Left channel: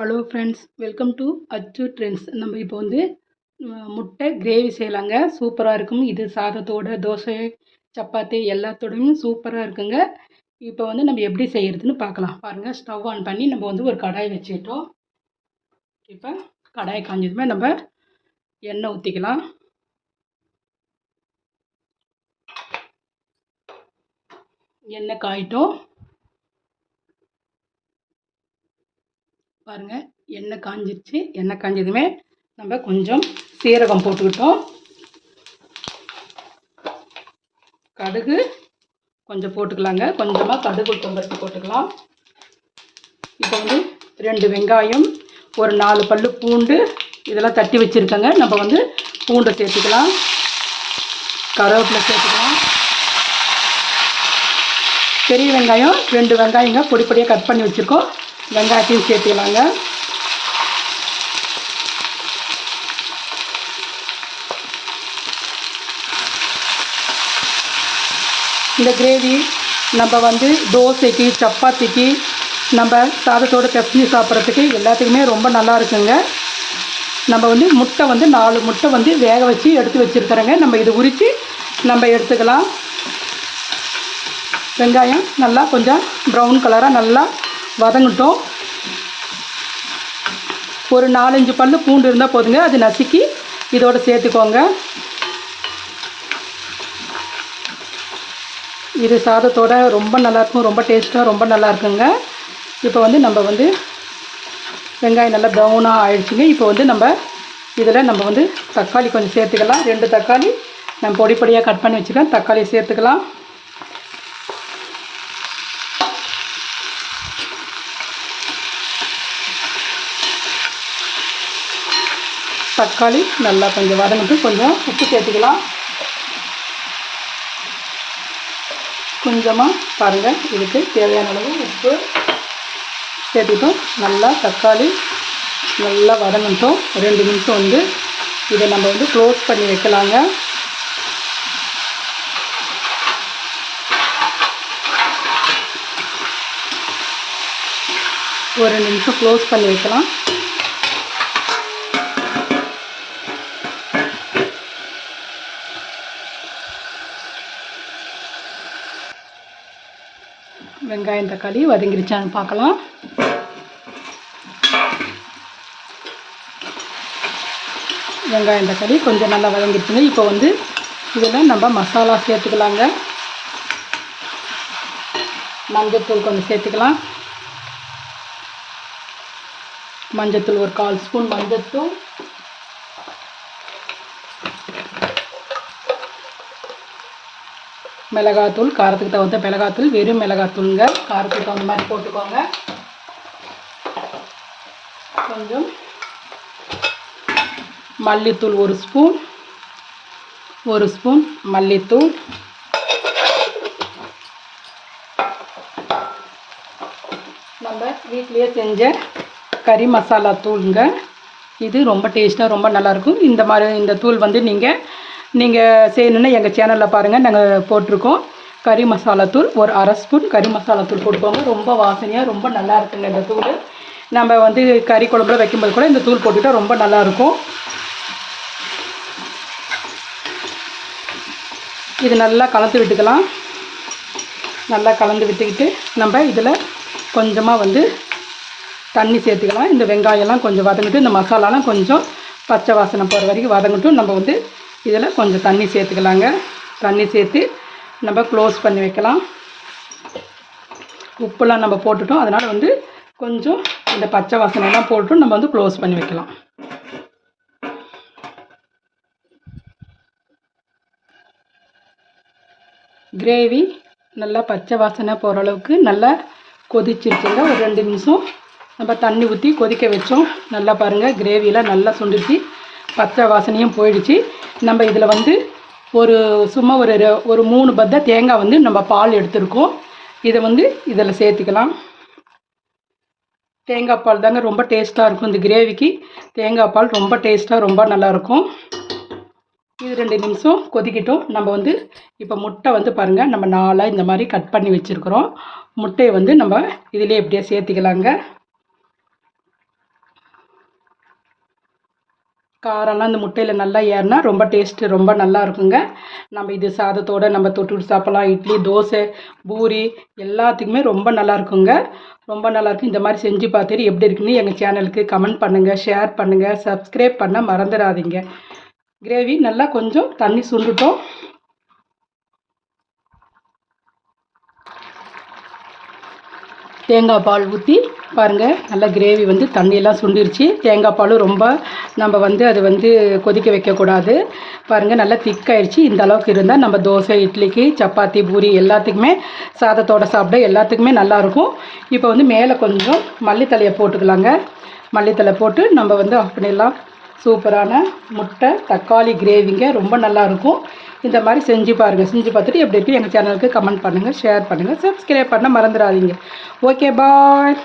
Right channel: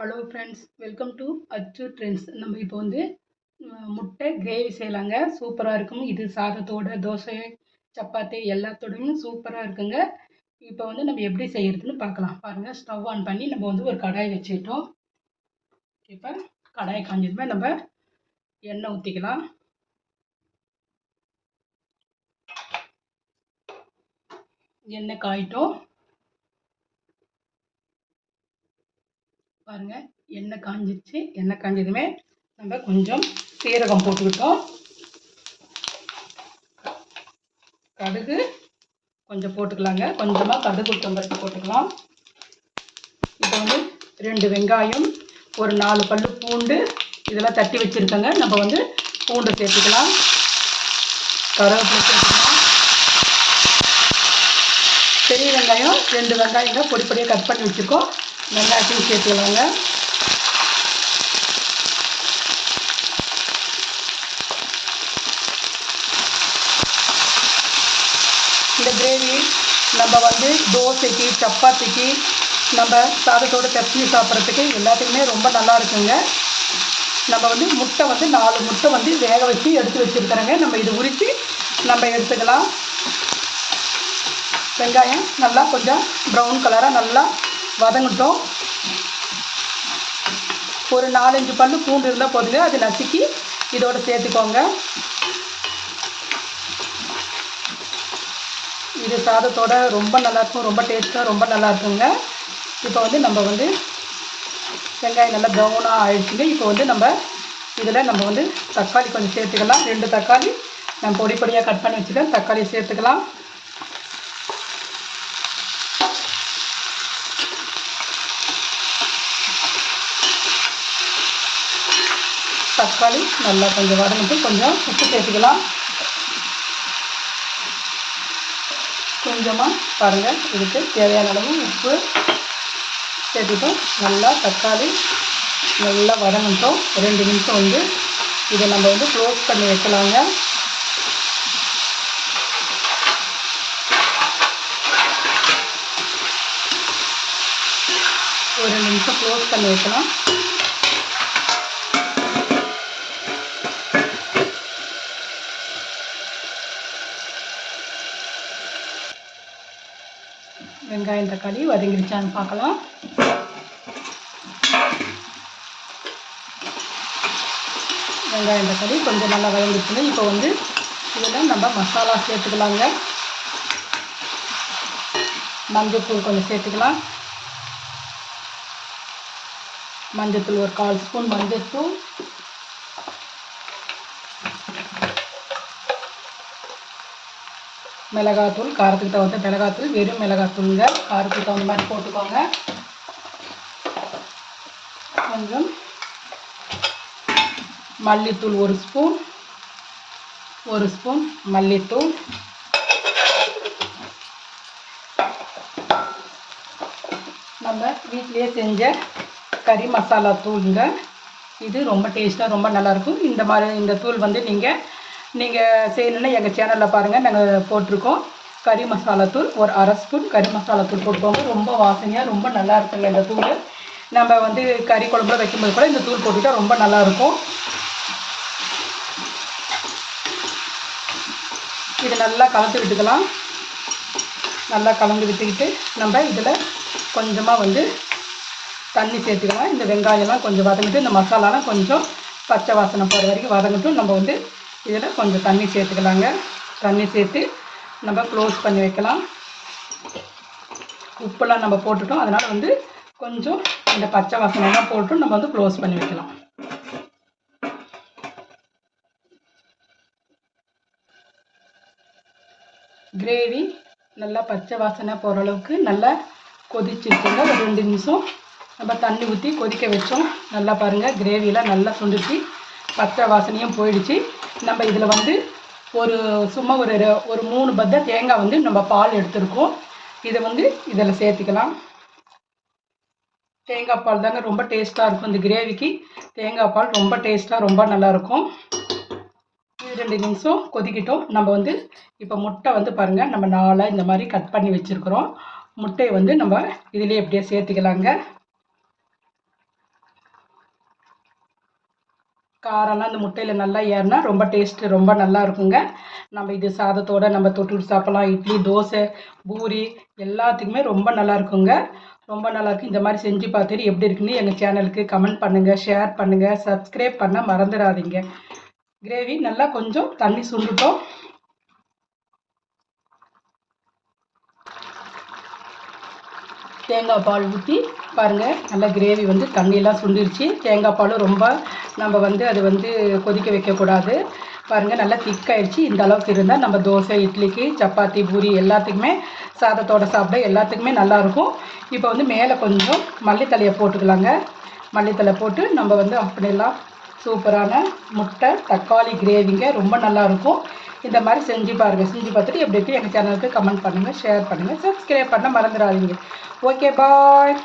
Hello friends, welcome to அச்சு trends. நம்ம இப்போ வந்து முட்டை கிரேவி செய்யலாங்க. சூப்பராக இருக்கும். இது சாதத்தோட, தோசை, சப்பாத்தி எல்லாத்தோடையும் சூப்பராக இருக்குங்க. இப்போ வந்து நம்ம எப்படி செய்யறதுன்னு பார்க்கலாம். பாருங்கள், ஸ்டவ் ஆன் பண்ணி நம்ம வந்து ஒரு கடாய் வச்சுக்கிட்டோம். இப்போ கடாய் காஞ்சதுமே நம்ம எண்ணெய் ஊற்றிக்கலாம். எண்ணெய் காயிட்டோம். பாருங்கள், எண்ணெய் காஞ்சிருச்சு. எண்ணெய் காஞ்சதுமே நம்ம கொஞ்சம் சீரகம் போட்டுக்கிட்டோம். கடுகு கொஞ்சம் போட்டுக்கலாங்க. கொஞ்சமாக கடுகு உளுத்தம்பருப்பு போட்டுக்கலாம். இப்போ வந்து 2 வெங்காயம், ஒரு 4 பல்லு பூண்டு இதெல்லாம் தட்டி வச்சுருக்கேங்க. நம்ம வந்து பூண்டை சேர்த்துக்கலாம். கருவேப்பிலை சேர்த்துக்கலாம். பெரிய வெங்காயம் 2 வெங்காயங்க பொடி பொடியாக கட் பண்ணி வச்சுருக்கோம். வெங்காயத்தையும் சேர்த்துக்கலாங்க. இந்த கிரேவி நம்ம வந்து தோசைக்கு, சப்பாத்திக்கு, நம்ம சாதத்தோடு பெசஞ்சு சாப்பிட்றதுக்கு எல்லாத்துக்குமே ரொம்ப நல்லா இருக்குங்க. நம்ம வந்து முட்டை வந்து 4 முட்டை வந்து வேக வச்சு எடுத்து வச்சுருக்கிறேங்க. நம்ம இது உரித்து நம்ம எடுத்துக்கலாம். வெங்காயம் நல்லா கொஞ்சம் ப்ரௌன் கலராக நல்லா வதங்கட்டும். ஒரு 4-5 பல்லு பூண்டு இருந்தால் போதுங்க. அது நசுக்கி இதோடு சேர்த்துக்கோங்க. இது சாதத்தோட ரொம்ப நல்லாயிருக்கும். ரொம்ப டேஸ்ட்டாக ரொம்ப நல்லா இருக்குங்க. இப்போ வந்து நம்ம வந்து வெங்காயம் நல்லா ப்ரௌனாக ஆயிடுச்சுங்க. இப்போ வந்து நம்ம இதில் நம்ம வந்து தக்காளி கொஞ்சம் சேர்த்துக்கலாம். 2 தக்காளி நான் பொடி பொடியாக கட் பண்ணி வச்சுருக்கேன். தக்காளியை சேர்த்துக்கலாம். தக்காளி நல்லா கொஞ்சம் வதங்கிட்டு கொஞ்சம் உப்பு சேர்த்துக்கலாம். கொஞ்சமாக பாருங்கள், இதுக்கு தேவையான அளவு உப்பு சேர்த்துட்டோம். நல்லா தக்காளி நல்லா வதங்கிட்டோம். 2 நிமிஷம் வந்து இதை நம்ம வந்து க்ளோஸ் பண்ணி வைக்கலாங்க. ஒரு 2 நிமிஷம் க்ளோஸ் பண்ணி வைக்கலாம். வெங்காயம் தக்காளி வதங்கிருச்சான்னு பார்க்கலாம். வெங்காயம் தக்காளி கொஞ்சம் நல்லா வதங்கிருச்சுங்க. இப்போ வந்து இதில் நம்ம மசாலா சேர்த்துக்கலாங்க. மஞ்சத்தூள் கொஞ்சம் சேர்த்துக்கலாம். மஞ்சத்தூள் ஒரு 1/4 ஸ்பூன் மஞ்சத்தூள், மிளகாத்தூள் காரத்துக்கு தகுந்த மிளகாத்தூள், வெறும் மிளகாத்தூளுங்க. காரத்துக்கு தகுந்த மாதிரி போட்டுக்கோங்க. கொஞ்சம் மல்லித்தூள் ஒரு ஸ்பூன் மல்லித்தூள், நம்ம வீட்டிலேயே செஞ்ச கறி மசாலா தூளுங்க. இது ரொம்ப டேஸ்ட்டாக ரொம்ப நல்லாயிருக்கும். இந்த தூள் வந்து நீங்கள் செய்யணுன்னா எங்கள் சேனலில் பாருங்கள், நாங்கள் போட்டிருக்கோம். கறி மசாலா தூள் ஒரு 1/2 ஸ்பூன் கறி மசாலா தூள் போட்டுக்கோங்க. ரொம்ப வாசனையாக ரொம்ப நல்லா இருக்குங்க இந்த தூள். நம்ம வந்து கறி குழம்புல வைக்கும்போது கூட இந்த தூள் போட்டுக்கிட்டால் ரொம்ப நல்லாயிருக்கும். இது நல்லா கலந்து விட்டுக்கலாம். நல்லா கலந்து விட்டுக்கிட்டு நம்ம இதில் கொஞ்சமாக வந்து தண்ணி சேர்த்துக்கலாம். இந்த வெங்காயம்லாம் கொஞ்சம் வதங்கிட்டு இந்த மசாலாலாம் கொஞ்சம் பச்சை வாசனை போகிற வரைக்கும் வதங்கட்டும். நம்ம வந்து இதில் கொஞ்சம் தண்ணி சேர்த்துக்கலாங்க. தண்ணி சேர்த்து நம்ம க்ளோஸ் பண்ணி வைக்கலாம். உப்புலாம் நம்ம போட்டுட்டோம். அதனால் வந்து கொஞ்சம் இந்த பச்சை வாசனைலாம் போட்டு நம்ம வந்து க்ளோஸ் பண்ணி வைக்கலாம். கிரேவி நல்லா பச்சை வாசனை போகிற அளவுக்கு நல்லா கொதிச்சிருச்சுங்க. ஒரு 2 நிமிஷம் நம்ம தண்ணி ஊற்றி கொதிக்க வச்சோம். நல்லா பாருங்கள், கிரேவியெலாம் நல்லா சுண்டிச்சு, பச்சை வாசனையும் போயிடுச்சு. நம்ம இதில் வந்து சும்மா ஒரு 3 பத்தை தேங்காய் வந்து நம்ம பால் எடுத்துருக்கோம். இதை வந்து இதில் சேர்த்துக்கலாம். தேங்காய் பால் தாங்க ரொம்ப டேஸ்ட்டாக இருக்கும். இந்த கிரேவிக்கு தேங்காய் பால் ரொம்ப டேஸ்ட்டாக ரொம்ப நல்லாயிருக்கும். இது 2 நிமிஷம் கொதிக்கிட்டோம். நம்ம வந்து இப்போ முட்டை வந்து பாருங்கள், நம்ம 4 இந்த மாதிரி கட் பண்ணி வச்சுருக்குறோம். முட்டையை வந்து நம்ம இதிலே எப்படியே சேர்த்துக்கலாங்க. காரம்லாம் இந்த முட்டையில் நல்லா ஏறினா ரொம்ப டேஸ்ட்டு ரொம்ப நல்லா இருக்குங்க. நம்ம இது சாதத்தோடு நம்ம தொட்டுட்டு சாப்பிட்லாம். இட்லி, தோசை, பூரி எல்லாத்துக்குமே ரொம்ப நல்லா இருக்குங்க. ரொம்ப நல்லாயிருக்கும். இந்த மாதிரி செஞ்சு பார்த்துட்டு எப்படி இருக்குன்னு எங்கள் சேனலுக்கு கமெண்ட் பண்ணுங்கள், ஷேர் பண்ணுங்கள், சப்ஸ்கிரைப் பண்ண மறந்துடாதீங்க. கிரேவி நல்லா கொஞ்சம் தண்ணி சுண்டுட்டோம். தேங்காய் பால் ஊற்றி பாருங்கள், நல்லா கிரேவி வந்து தண்ணியெல்லாம் சுண்டிருச்சு. தேங்காய் பால் ரொம்ப நம்ம அது கொதிக்க வைக்கக்கூடாது. பாருங்கள், நல்லா திக்காயிடுச்சு. இந்த அளவுக்கு இருந்தால் நம்ம தோசை, இட்லிக்கு, சப்பாத்தி, பூரி எல்லாத்துக்குமே சாதத்தோடு சாப்பிட எல்லாத்துக்குமே நல்லாயிருக்கும். இப்போ மேலே கொஞ்சம் மல்லித்தழையை போட்டுக்கலாங்க. மல்லித்தழை போட்டு நம்ம ஆஃப் பண்ணிடலாம். சூப்பரான முட்டை தக்காளி கிரேவிங்க, ரொம்ப நல்லாயிருக்கும். இந்த மாதிரி செஞ்சு பாருங்கள். செஞ்சு பார்த்துட்டு எப்படி எங்கள் சேனலுக்கு கமெண்ட் பண்ணுங்கள், ஷேர் பண்ணுங்கள், சப்ஸ்கிரைப் பண்ண மறந்துடாதீங்க. ஓகே, பாய்.